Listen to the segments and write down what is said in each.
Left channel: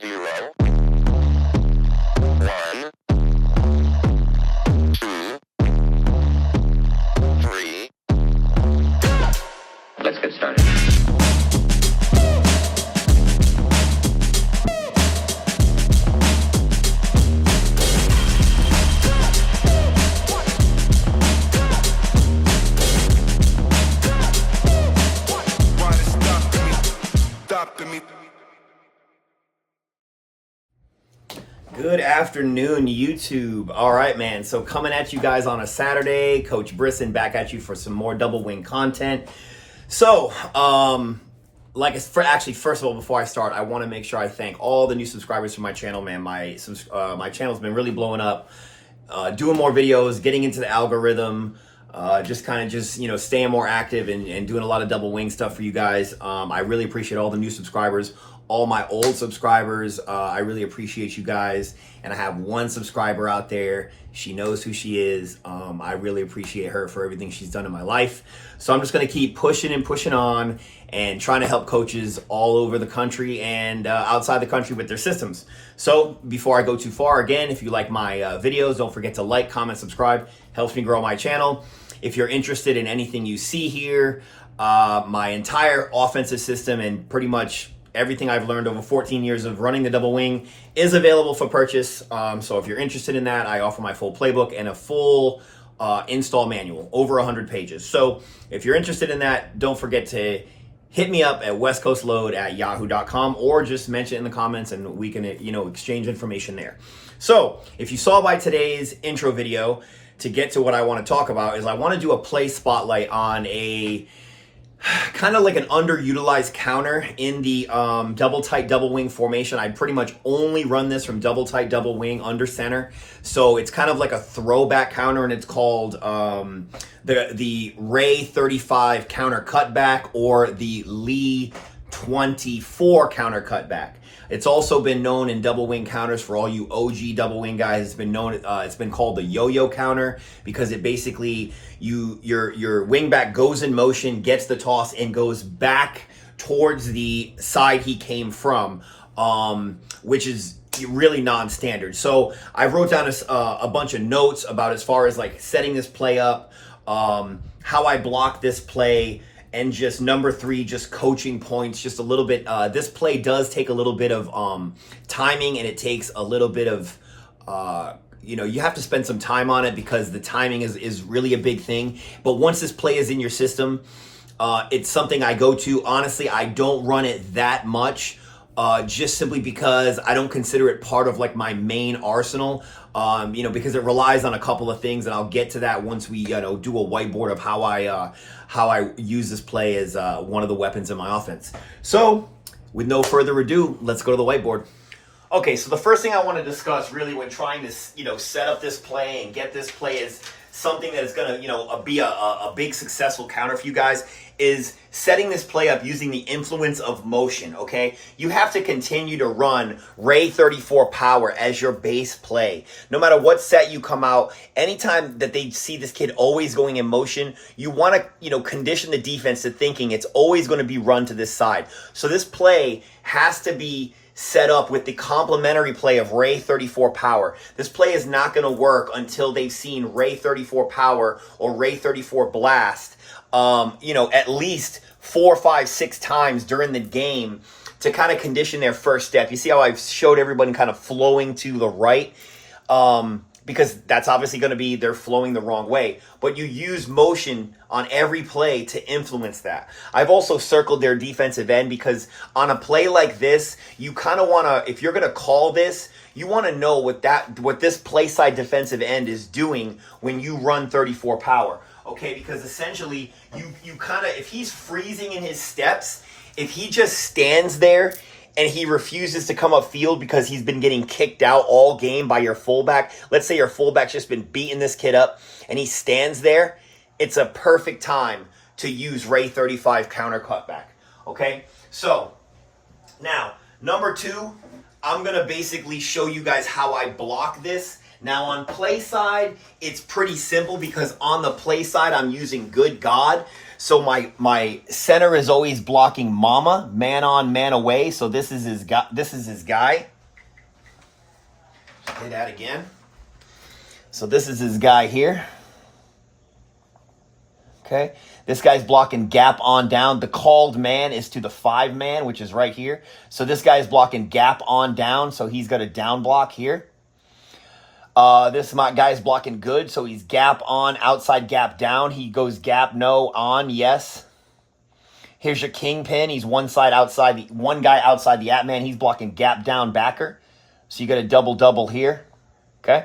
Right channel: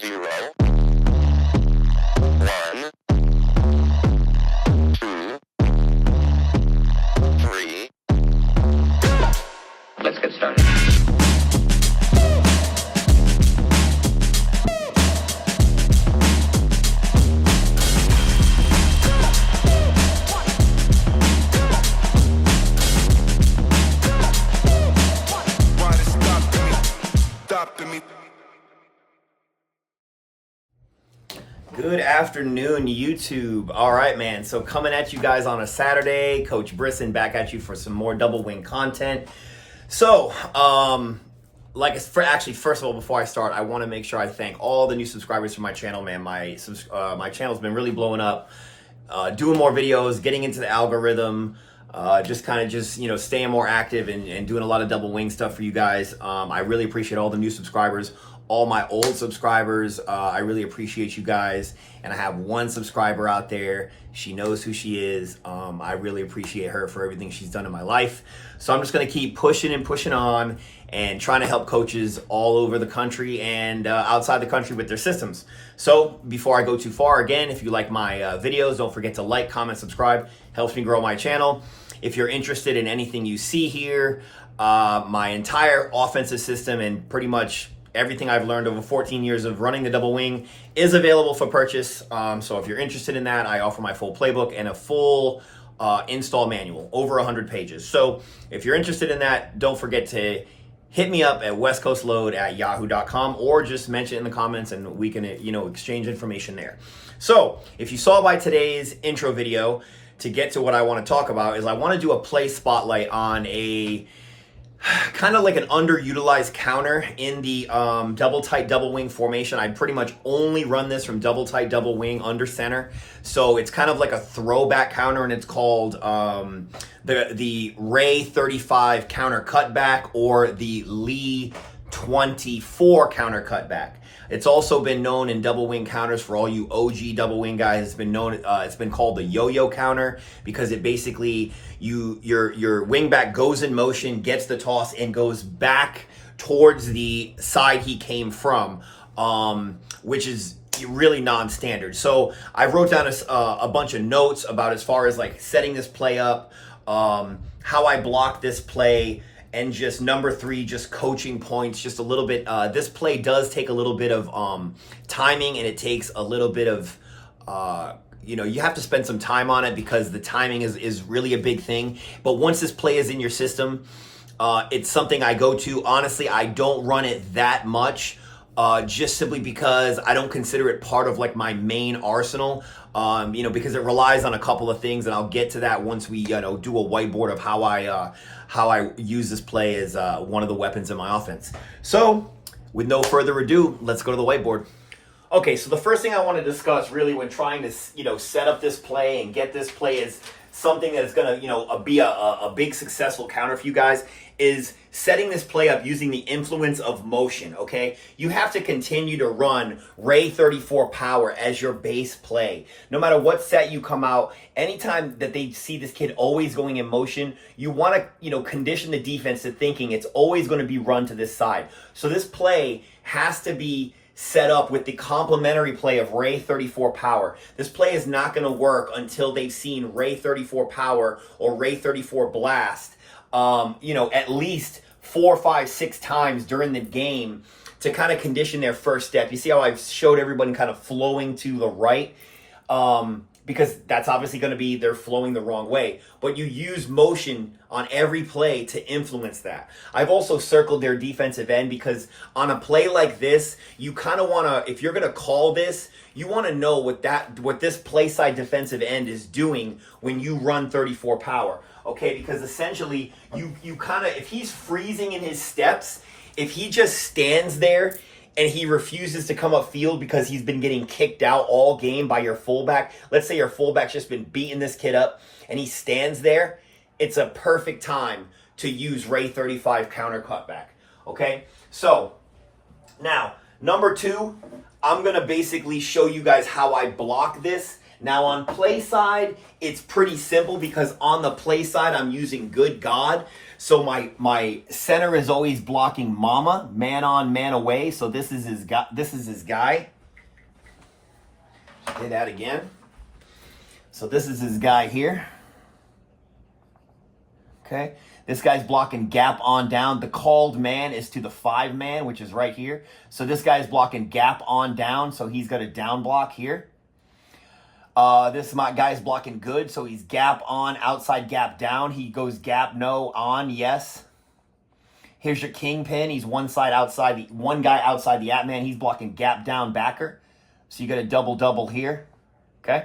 0, 1, 2, 3. Let's get started. Good afternoon, YouTube. All right, man. So coming at you guys on a Saturday, Coach Brisson back at you for some more double wing content. So, first of all, before I start, I want to make sure I thank all the new subscribers to my channel, man. My channel's been really blowing up, doing more videos, getting into the algorithm, staying more active and doing a lot of double wing stuff for you guys. I really appreciate all the new subscribers. All my old subscribers, I really appreciate you guys. And I have one subscriber out there. She knows who she is. I really appreciate her for everything she's done in my life. So I'm just going to keep pushing and pushing on and trying to help coaches all over the country and outside the country with their systems. So before I go too far, again, if you like my videos, don't forget to like, comment, subscribe. Helps me grow my channel. If you're interested in anything you see here, my entire offensive system and pretty much everything I've learned over 14 years of running the double wing is available for purchase. So if you're interested in that, I offer my full playbook and a full install manual, over 100 pages. So if you're interested in that, don't forget to hit me up at westcoastload@yahoo.com or just mention it in the comments and we can, exchange information there. So if you saw by today's intro video, to get to what I want to talk about is I want to do a play spotlight on a kind of like an underutilized counter in the double tight double wing formation. I pretty much only run this from double tight double wing under center. So it's kind of like a throwback counter, and it's called the Ray 35 counter cutback or the Lee 24 counter cutback. It's also been known in double wing counters for all you OG double wing guys. It's been known. It's been called the YoYo counter because it basically your wing back goes in motion, gets the toss, and goes back towards the side he came from, which is really non-standard. So I wrote down a bunch of notes about as far as like setting this play up, how I block this play. And just number 3, just coaching points, just a little bit. This play does take a little bit of timing, and it takes a little bit of, you have to spend some time on it because the timing is really a big thing. But once this play is in your system, it's something I go to. Honestly, I don't run it that much, just simply because I don't consider it part of like my main arsenal. Because it relies on a couple of things, and I'll get to that once we, do a whiteboard of how I use this play as one of the weapons in my offense. So, with no further ado, let's go to the whiteboard. Okay, so the first thing I want to discuss really when trying to, set up this play and get this play as something that is going to, be a big successful counter for you guys is setting this play up using the influence of motion, okay? You have to continue to run Ray 34 power as your base play. No matter what set you come out, anytime that they see this kid always going in motion, you want to, condition the defense to thinking it's always going to be run to this side. So this play has to be set up with the complementary play of Ray 34 power. This play is not going to work until they've seen Ray 34 power or Ray 34 blast, at least 4, 5, 6 times during the game to kind of condition their first step. You see how I've showed everybody kind of flowing to the right? Because that's obviously going to be they're flowing the wrong way. But you use motion on every play to influence that. I've also circled their defensive end because on a play like this, you kind of want to, if you're going to call this, you want to know what this play side defensive end is doing when you run 34 power. Okay, because essentially you kind of, if he's freezing in his steps, if he just stands there and he refuses to come upfield because he's been getting kicked out all game by your fullback, let's say your fullback's just been beating this kid up and he stands there, it's a perfect time to use Ray 35 counter cutback. Okay, so now number 2, I'm going to basically show you guys how I block this. Now on play side, it's pretty simple because on the play side, I'm using Good God. So my center is always blocking mama, man on, man away. So this is his guy. This is his guy. Hit that again. So this is his guy here. Okay. This guy's blocking gap on down. The called man is to the 5 man, which is right here. So this guy's blocking gap on down. So he's got a down block here. This guy's blocking good. So he's gap on, outside gap down. He goes gap no, on, yes. Here's your kingpin. He's one side outside, one guy outside the at man. He's blocking gap down backer. So you got a double here. Okay.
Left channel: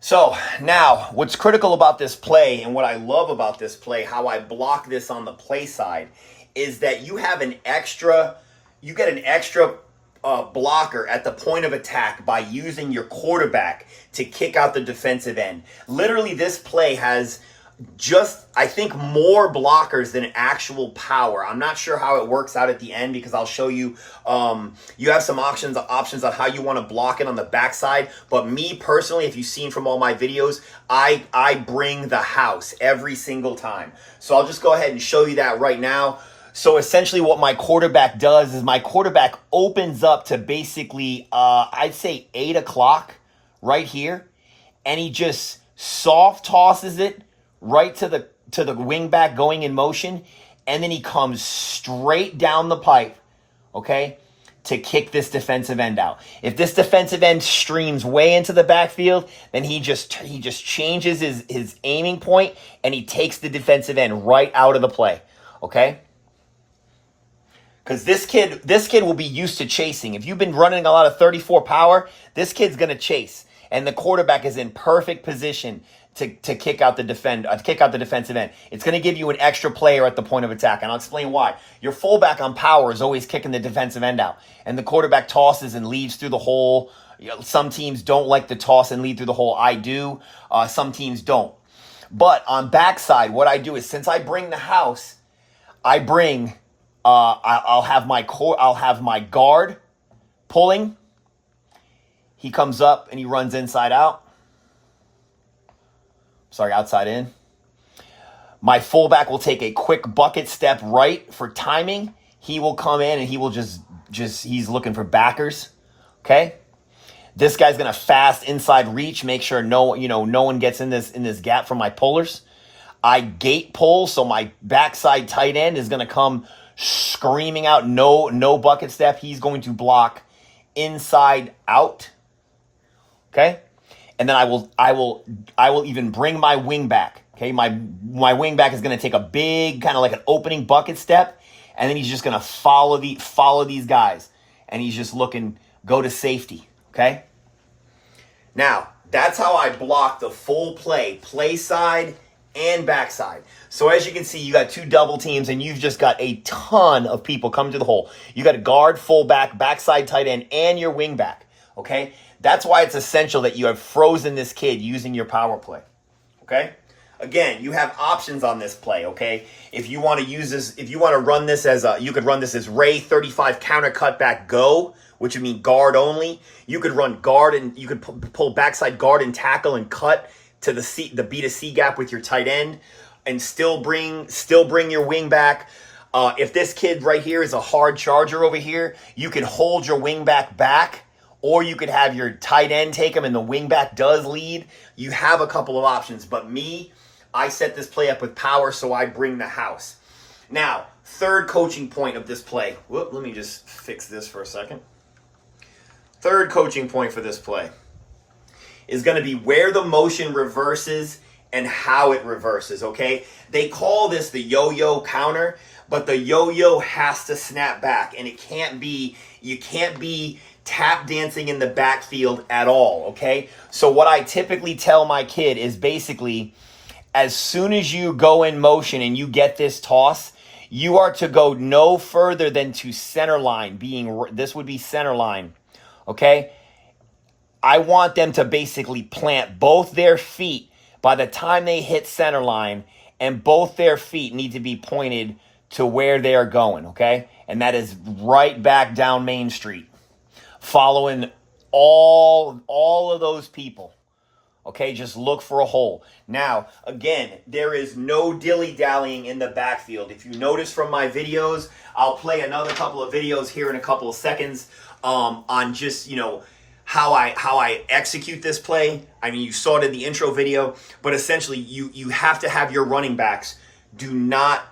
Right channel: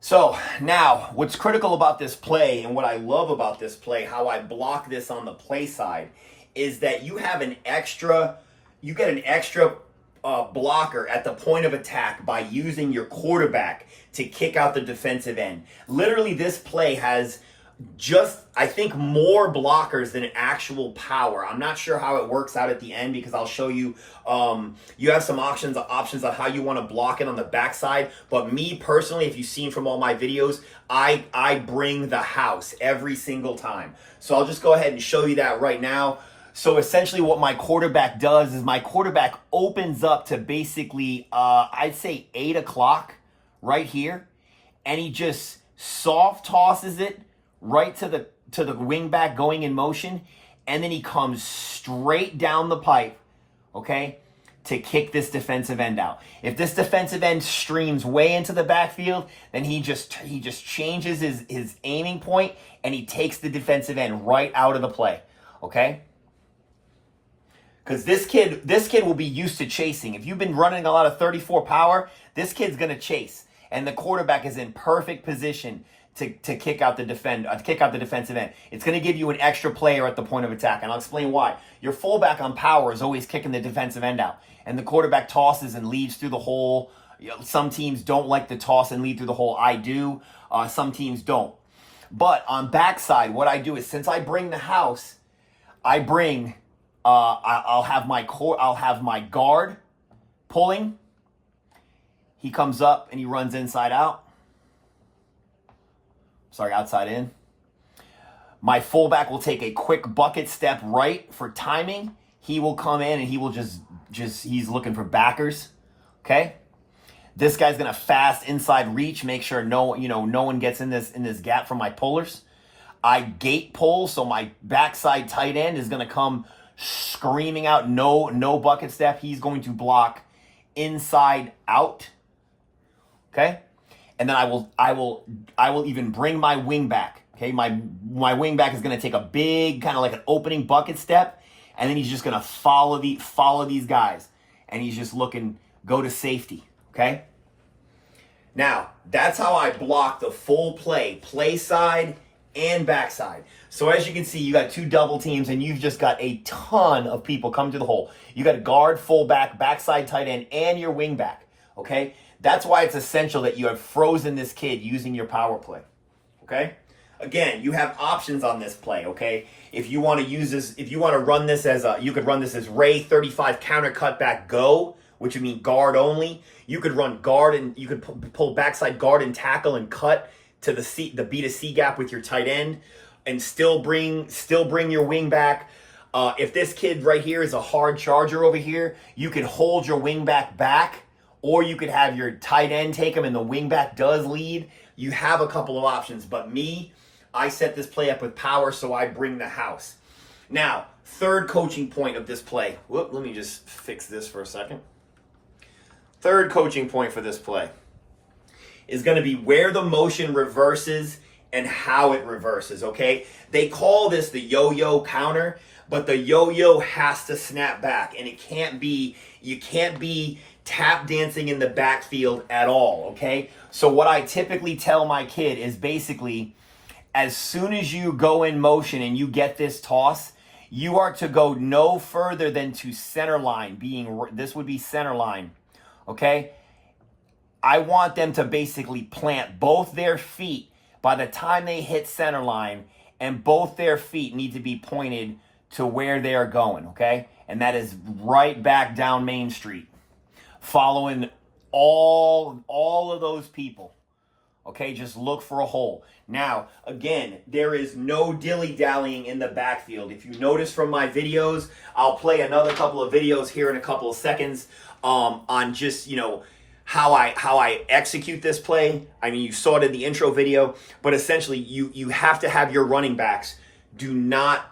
So now what's critical about this play and what I love about this play, how I block this on the play side, is that you have an extra, you get an extra blocker at the point of attack by using your quarterback to kick out the defensive end. Literally, this play has just, I think, more blockers than actual power. I'm not sure how it works out at the end because I'll show you. You have some options on how you want to block it on the backside. But me personally, if you've seen from all my videos, I bring the house every single time. So I'll just go ahead and show you that right now. So essentially what my quarterback does is my quarterback opens up to basically, I'd say 8 o'clock right here. And he just soft tosses it right to the wing back going in motion, and then he comes straight down the pipe, okay, to kick this defensive end out. If this defensive end streams way into the backfield, then he just changes his aiming point and he takes the defensive end right out of the play, okay? Because this kid will be used to chasing. If you've been running a lot of 34 power, this kid's gonna chase, and the quarterback is in perfect position to kick out the defensive end. It's going to give you an extra player at the point of attack, and I'll explain why. Your fullback on power is always kicking the defensive end out, and the quarterback tosses and leads through the hole. You know, some teams don't like to toss and lead through the hole. I do. Some teams don't. But on backside, what I do is, since I bring the house, I bring I'll have my guard pulling. He comes up and he runs inside out. Sorry, outside in. My fullback will take a quick bucket step right for timing. He will come in and he will just he's looking for backers. Okay? This guy's gonna fast inside reach, make sure no one gets in this gap from my pullers. I gate pull, so my backside tight end is gonna come screaming out, no bucket step. He's going to block inside out. Okay? And then I will even bring my wing back. Okay, my wing back is going to take a big kind of like an opening bucket step, and then he's just going to follow these guys, and he's just looking go to safety. Okay. Now that's how I block the full play side and backside. So as you can see, you got 2 double teams, and you've just got a ton of people coming to the hole. You got a guard, fullback, backside tight end, and your wing back. Okay. That's why it's essential that you have frozen this kid using your power play, okay? Again, you have options on this play, okay? If you want to use this, if you want to run this as you could run this as Ray 35 counter cutback go, which would mean guard only. You could run guard and you could pull backside guard and tackle and cut to the B to C gap with your tight end, and still bring your wing back. If this kid right here is a hard charger over here, you can hold your wing back. Or you could have your tight end take him and the wingback does lead. You have a couple of options. But me, I set this play up with power, so I bring the house. Now, third coaching point of this play. Whoop, let me just fix this for a second. Third coaching point for this play is going to be where the motion reverses and how it reverses, okay? They call this the yo-yo counter, but the yo-yo has to snap back, and you can't be tap dancing in the backfield at all, okay? So what I typically tell my kid is basically, as soon as you go in motion and you get this toss, you are to go no further than to center line, this would be center line, okay? I want them to basically plant both their feet by the time they hit center line, and both their feet need to be pointed to where they are going, okay? And that is right back down Main Street, following all of those people, Okay, just look for a hole. Now, again, there is no dilly-dallying in the backfield. If you notice from my videos, I'll play another couple of videos here in a couple of seconds on just, you know, how I execute this play. I mean, you saw it in the intro video, but essentially you have to have your running backs do not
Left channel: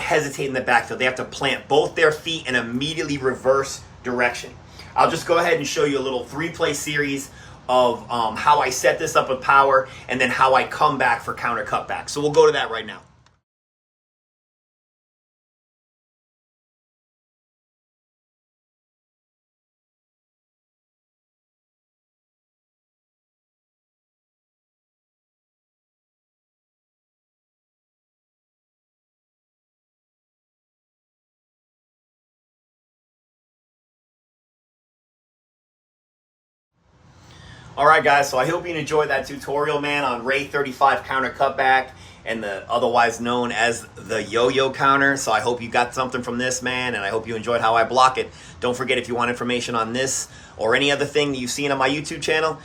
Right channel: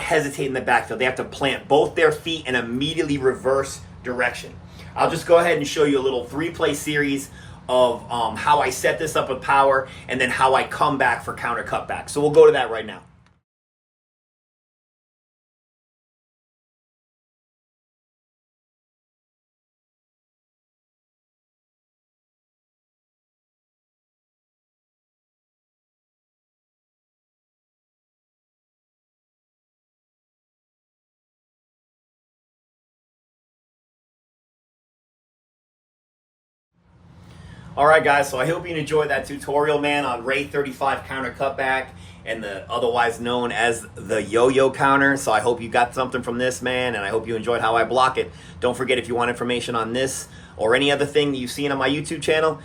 hesitate in the backfield. They have to plant both their feet and immediately reverse direction. I'll just go ahead and show you a little 3-play series of how I set this up with power and then how I come back for counter cutback. So we'll go to that right now. All right, guys, so I hope you enjoyed that tutorial, man, on Ray 35 counter cutback and the otherwise known as the yo-yo counter. So I hope you got something from this, man, and I hope you enjoyed how I block it. Don't forget, if you want information on this or any other thing that you've seen on my YouTube channel,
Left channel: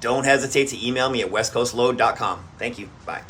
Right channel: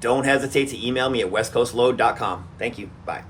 don't hesitate to email me at westcoastload.com. Thank you. Bye.